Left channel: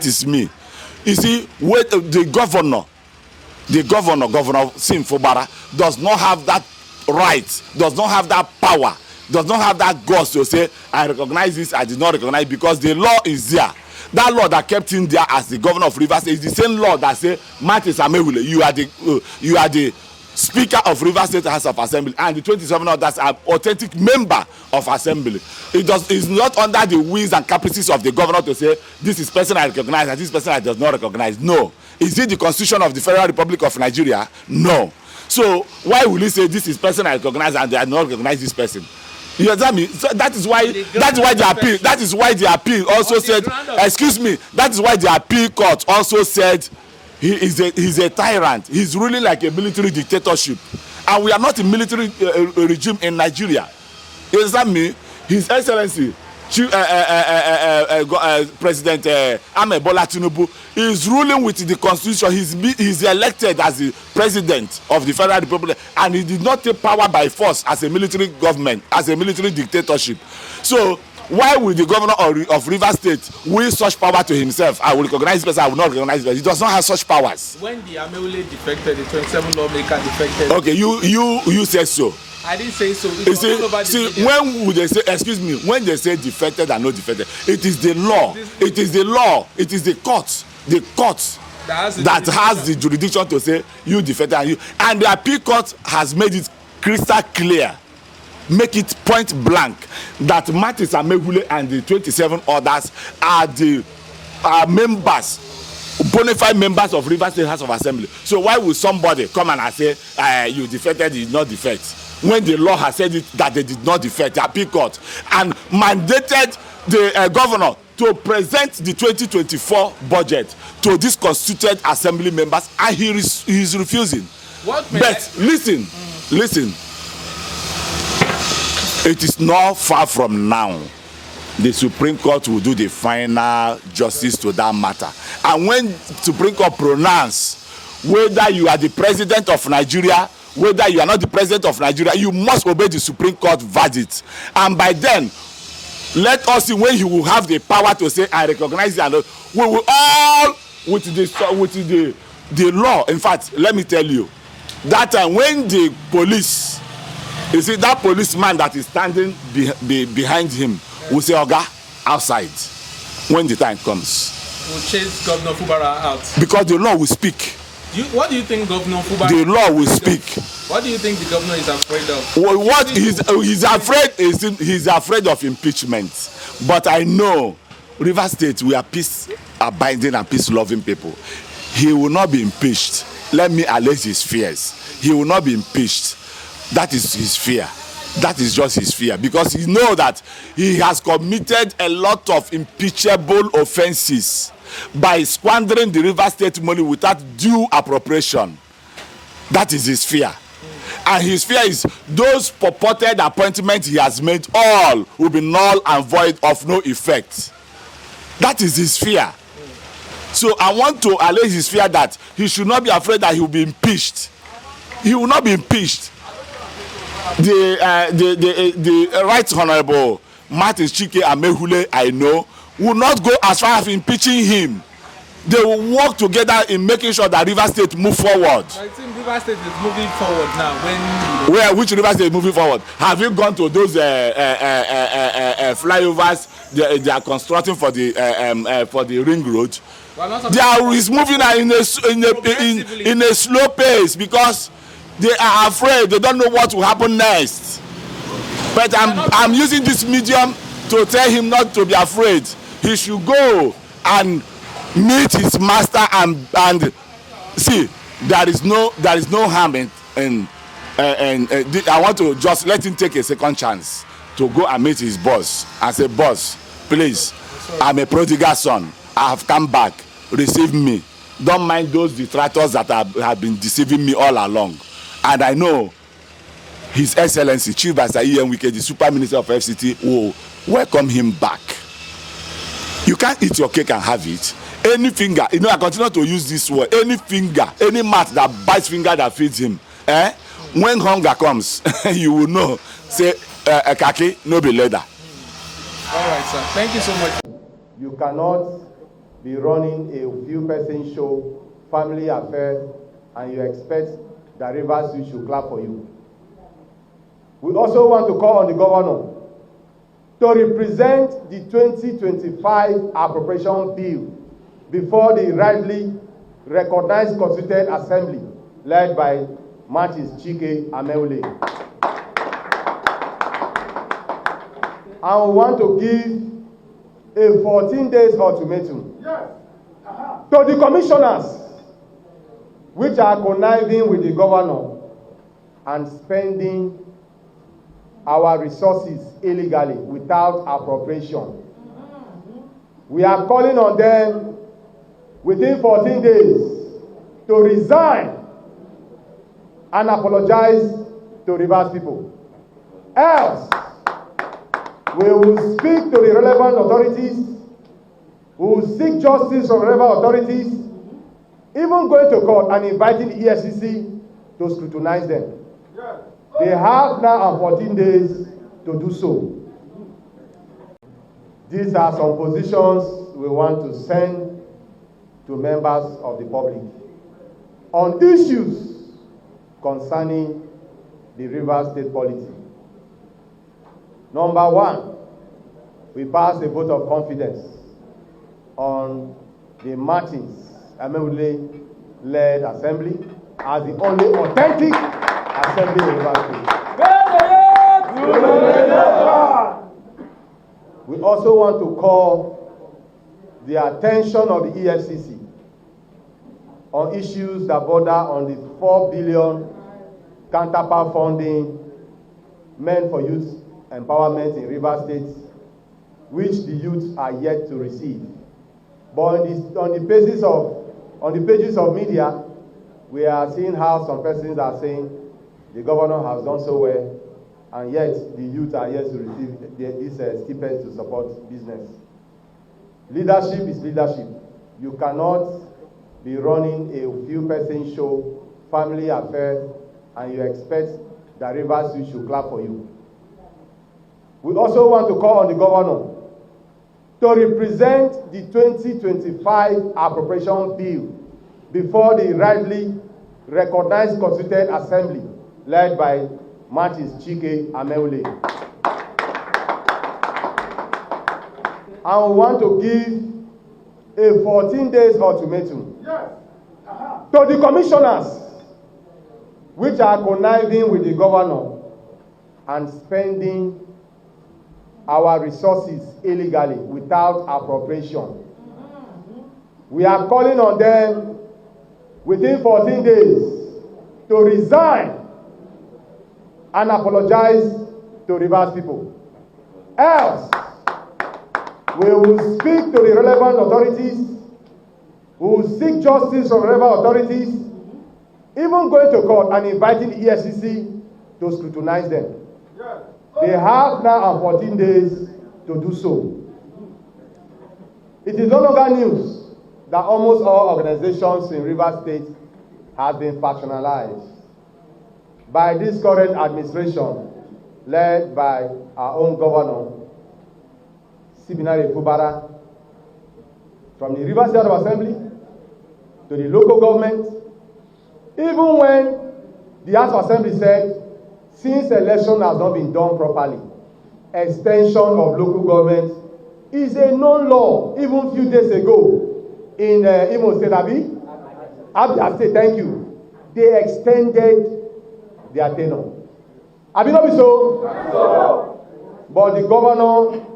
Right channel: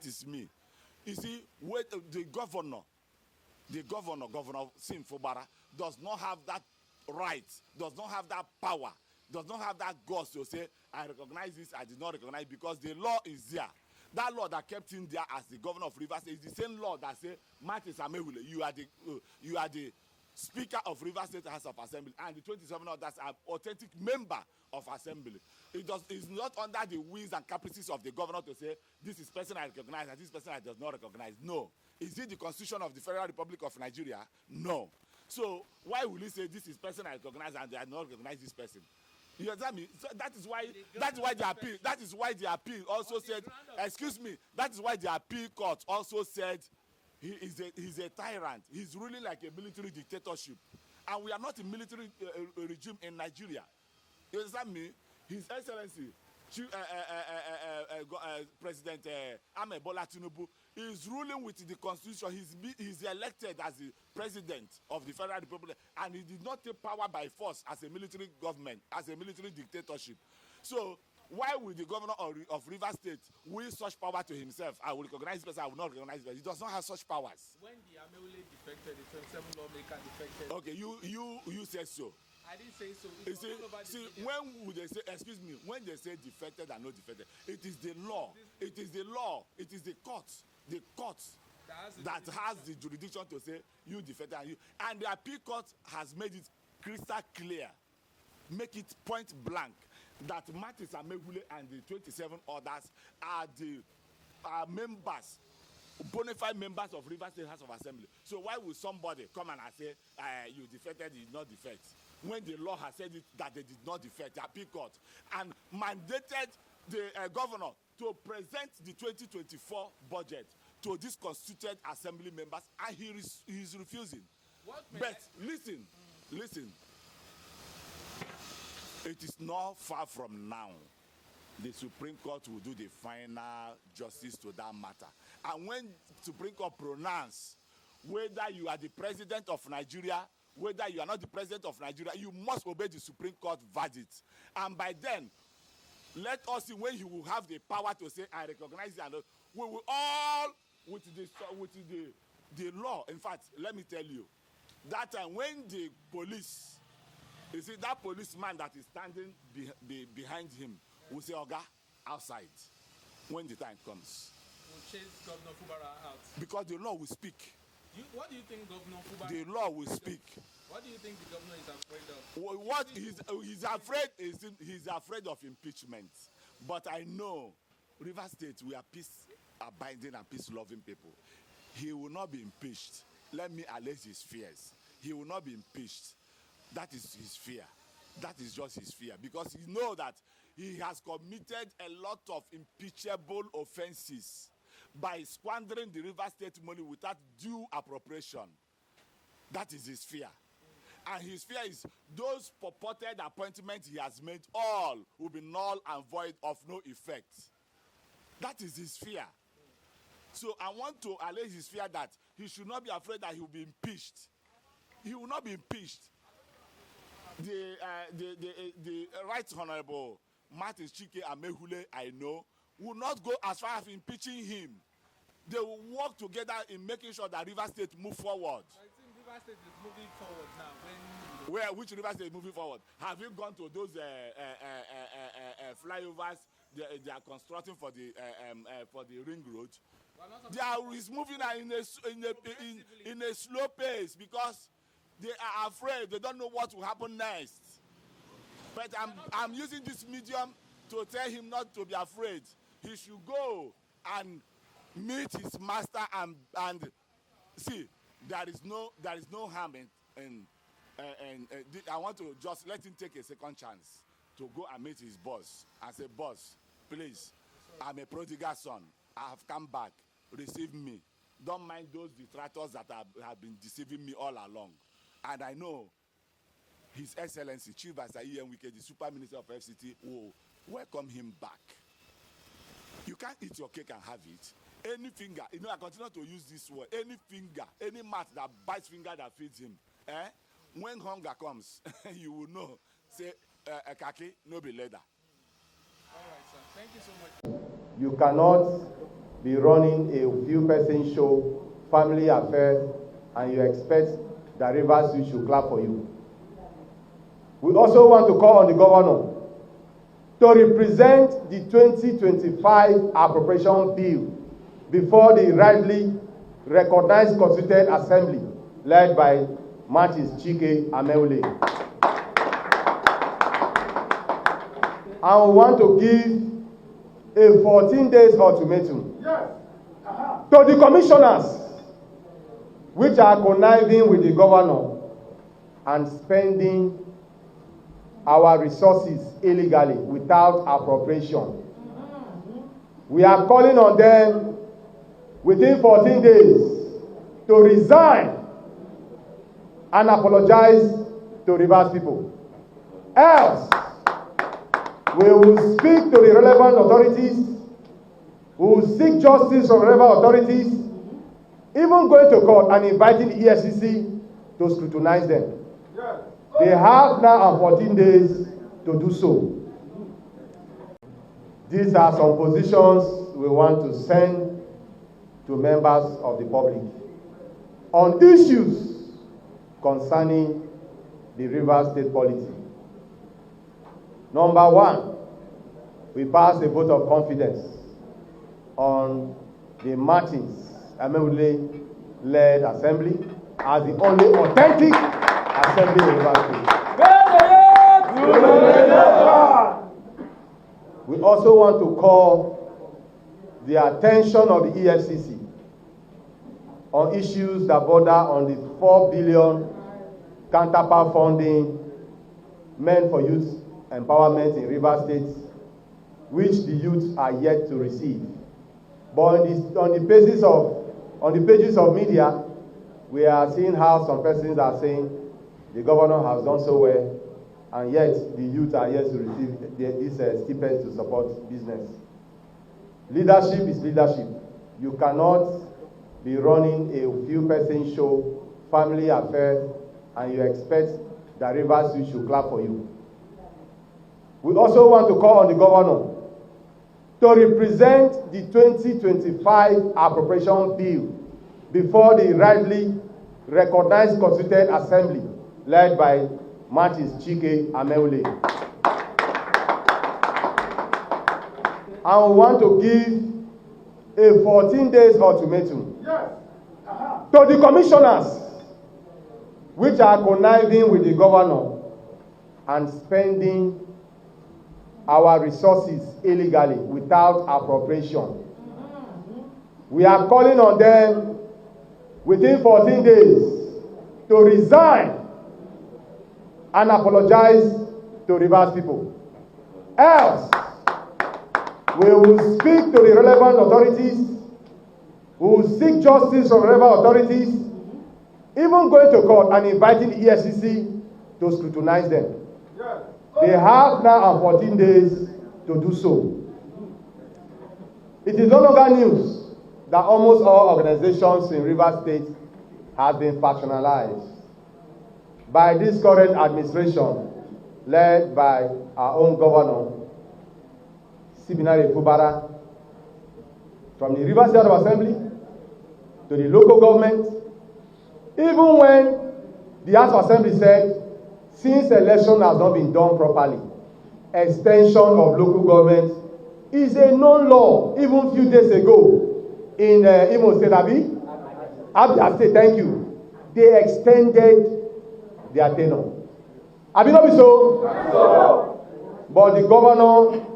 That is me. You see, the governor, Governor Fubara, does not have that right, does not have that power, does not have that guts to say, I recognize this, I did not recognize, because the law is there. That law that kept him there as the governor of Rivers State is the same law that say, Martin Samewule, you are the Speaker of Rivers State House of Assembly, and the 27 others are authentic member of Assembly. It's not under the whims and caprices of the governor to say, this is person I recognize and this person I does not recognize. No. Is it the Constitution of the Federal Republic of Nigeria? No. So why will he say this is person I recognize and I do not recognize this person? You understand me? So that is why the appeal also said, excuse me, that is why the appeal court also said he's a tyrant. He's ruling like a military dictatorship. And we are not a military regime in Nigeria. You understand me? His Excellency, President Bola Tinubu, is ruling with the Constitution. He's elected as the President of the Federal Republic, and he did not take power by force as a military government, as a military dictatorship. So why will the governor of Rivers State will such power to himself? I will recognize this person, I will not recognize this person. He does not have such powers. When the Amewule defected, the 27 lawmaker defected. Okay, you said so. I didn't say so. When would they say, excuse me, when they say defected and not defected, it is the law. It is the law. It is the court that has the jurisdiction to say you defected and the appeal court has made it crystal clear, make it point blank, that Martin Samewule and the 27 others are the members, bona fide members of Rivers State House of Assembly. So why would somebody come and say you defected, did not defect, when the law has said it that they did not defect, the appeal court, and mandated the governor to present the 2024 budget to these constituted assembly members, and he is refusing. But listen, it is not far from now the Supreme Court will do the final justice to that matter. And when Supreme Court pronounce whether you are the president of Nigeria, whether you are not the president of Nigeria, you must obey the Supreme Court verdict. And by then, let us see when he will have the power to say, I recognize it. And we will all, with the law. In fact, let me tell you, that time when the police, you see, that policeman that is standing behind him will say, Oga, outside, when the time comes. We'll chase Governor Fubara out. Because the law will speak. What do you think Governor Fubara... The law will speak. What do you think the governor is afraid of? Well, what he's afraid of impeachment. But I know Rivers State, we are peace-abiding and peace-loving people. He will not be impeached. Let me allege his fears. He will not be impeached. That is his fear. That is just his fear, because he knows that he has committed a lot of impeachable offenses by squandering the Rivers State money without due appropriation. That is his fear. And his fear is those purported appointments he has made, all will be null and void, of no effect. That is his fear. So I want to allege his fear that he should not be afraid that he will be impeached. He will not be impeached. The Right Honorable Martin Chike Amewule, I know, will not go as far as impeaching him. They will work together in making sure that Rivers State move forward. I think Rivers State is moving forward now. Which Rivers State is moving forward? Have you gone to those flyovers they are constructing for the ring road? They are moving in a slow pace because they are afraid. They don't know what will happen next. But I'm using this medium to tell him not to be afraid. He should go and meet his master and see. There is no harm in I want to just let him take a second chance to go and meet his boss and say, boss, please, I'm a prodigal son. I have come back. Receive me. Don't mind those detractors that have been deceiving me all along. And I know His Excellency Chief Pastor Ian Wike, the Super Minister of FCT, will welcome him back. You can't eat your cake and have it. Any finger, I continue to use this word, any finger, any mouth that bites finger that feeds him, when hunger comes, you will know, say, kaki, no be leather. All right, sir. Thank you so much. You cannot be running a few-person show, family affair, and you expect the Rivers Youth should clap for you. We also want to call on the governor to represent the 2025 appropriation bill before the rightly recognized Constituent Assembly led by Martins Chike Ameule. And we want to give a 14 days ultimatum to the commissioners which are conniving with the governor and spending our resources illegally without appropriation. We are calling on them within 14 days to resign and apologize to Rivers people. Else, we will speak to the relevant authorities, we will seek justice from relevant authorities, even going to court and inviting the EFCC to scrutinize them. They have now 14 days to do so. These are some positions we want to send to members of the public on issues concerning the Rivers State polity. Number one, we passed a vote of confidence on the Martins Ameule-led assembly as the only authentic assembly in Rivers State. We also want to call the attention of the EFCC on issues that border on the 4 billion counterpart funding meant for youth empowerment in Rivers State, which the youth are yet to receive. But on the pages of media, we are seeing how some persons are saying the governor has done so well, and yet the youth are yet to receive these stipends to support business. Leadership is leadership. You cannot be running a few-person show, family affair, and you expect the Rivers Youth should clap for you. We also want to call on the governor to represent the 2025 appropriation bill before the rightly recognized Constituent Assembly led by Martins Chike Ameule. And we want to give a 14 days ultimatum to the commissioners which are conniving with the governor and spending our resources illegally without appropriation. We are calling on them within 14 days to resign and apologize to Rivers people. Else, we will speak to the relevant authorities, we will seek justice from relevant authorities, even going to court and inviting the EFCC to scrutinize them. They have now 14 days to do so. It is no longer news that almost all organizations in Rivers State have been factionalized by this current administration led by our own governor, Benard Fubara, from the Rivers State Assembly to the local government, even when the House of Assembly said, since election has not been done properly, extension of local government is a known law. Even a few days ago in Imo State, Abia State, thank you, they extended their tenure. Abi not be so? But the governor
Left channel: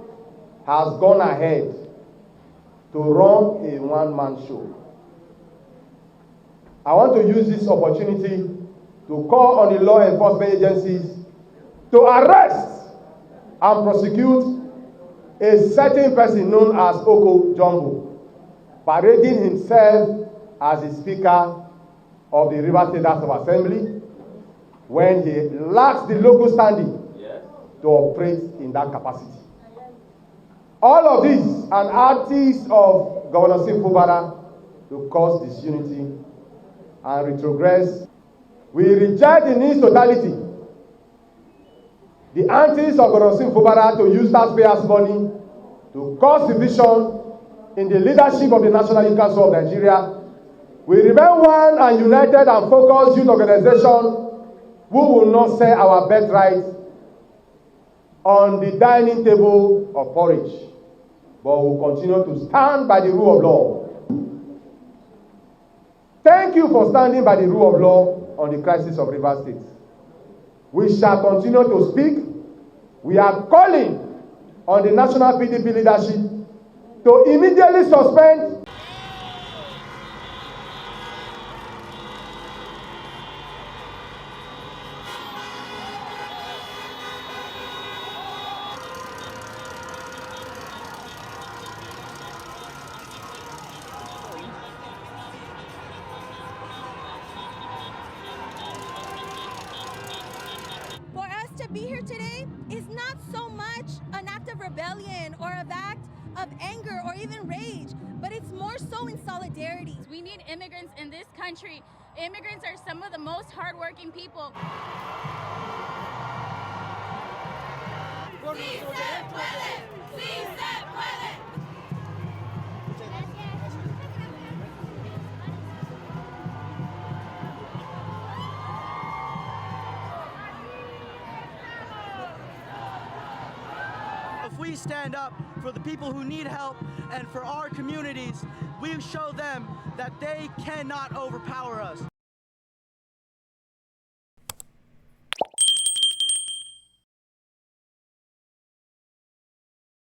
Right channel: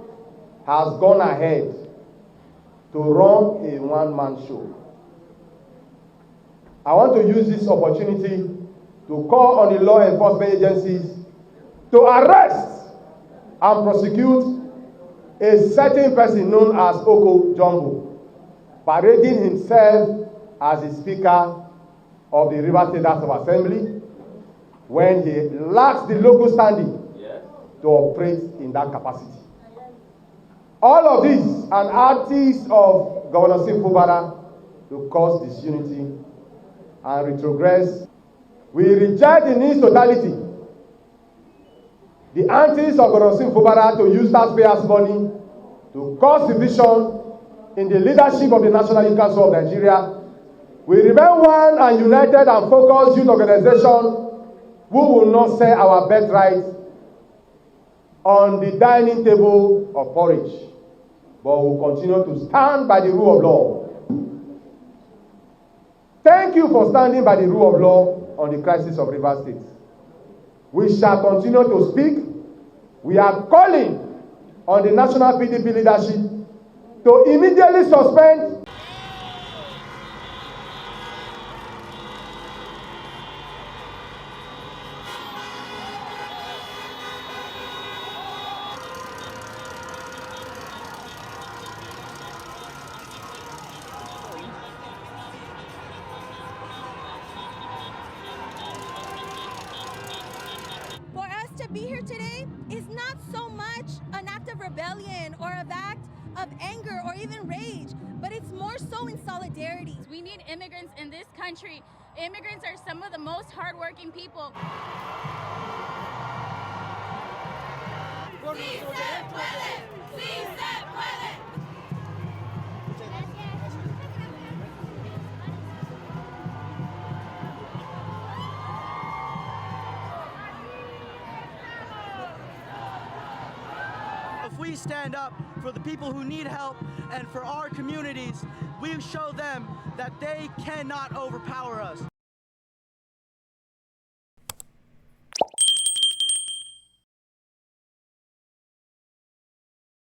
has gone ahead to run a one-man show. I want to use this opportunity to call on the law enforcement agencies to arrest and prosecute a certain person known as Oko Jumbo, parading himself as the Speaker of the Rivers State House of Assembly when he lacks the local standing to operate in that capacity. All of this an artist of Governor Fubara to cause disunity and retrogress. We reject in its totality the antics of Governor Fubara to use taxpayers' money to cause division in the leadership of the National Youth Council of Nigeria, we remain one and united and focused youth organization who will not sell our birthright on the dining table of porridge, but will continue to stand by the rule of law. Thank you for standing by the rule of law on the crisis of Rivers State. We shall continue to speak. We are calling on the national PDP leadership to immediately suspend to be here today is not so much an act of rebellion or an act of anger or even rage, but it's more so in solidarity. We need immigrants in this country. Immigrants are some of the most hardworking people. Sí se puede! Sí se puede! If we stand up for the people who need help and for our communities, we show them that they cannot overpower us.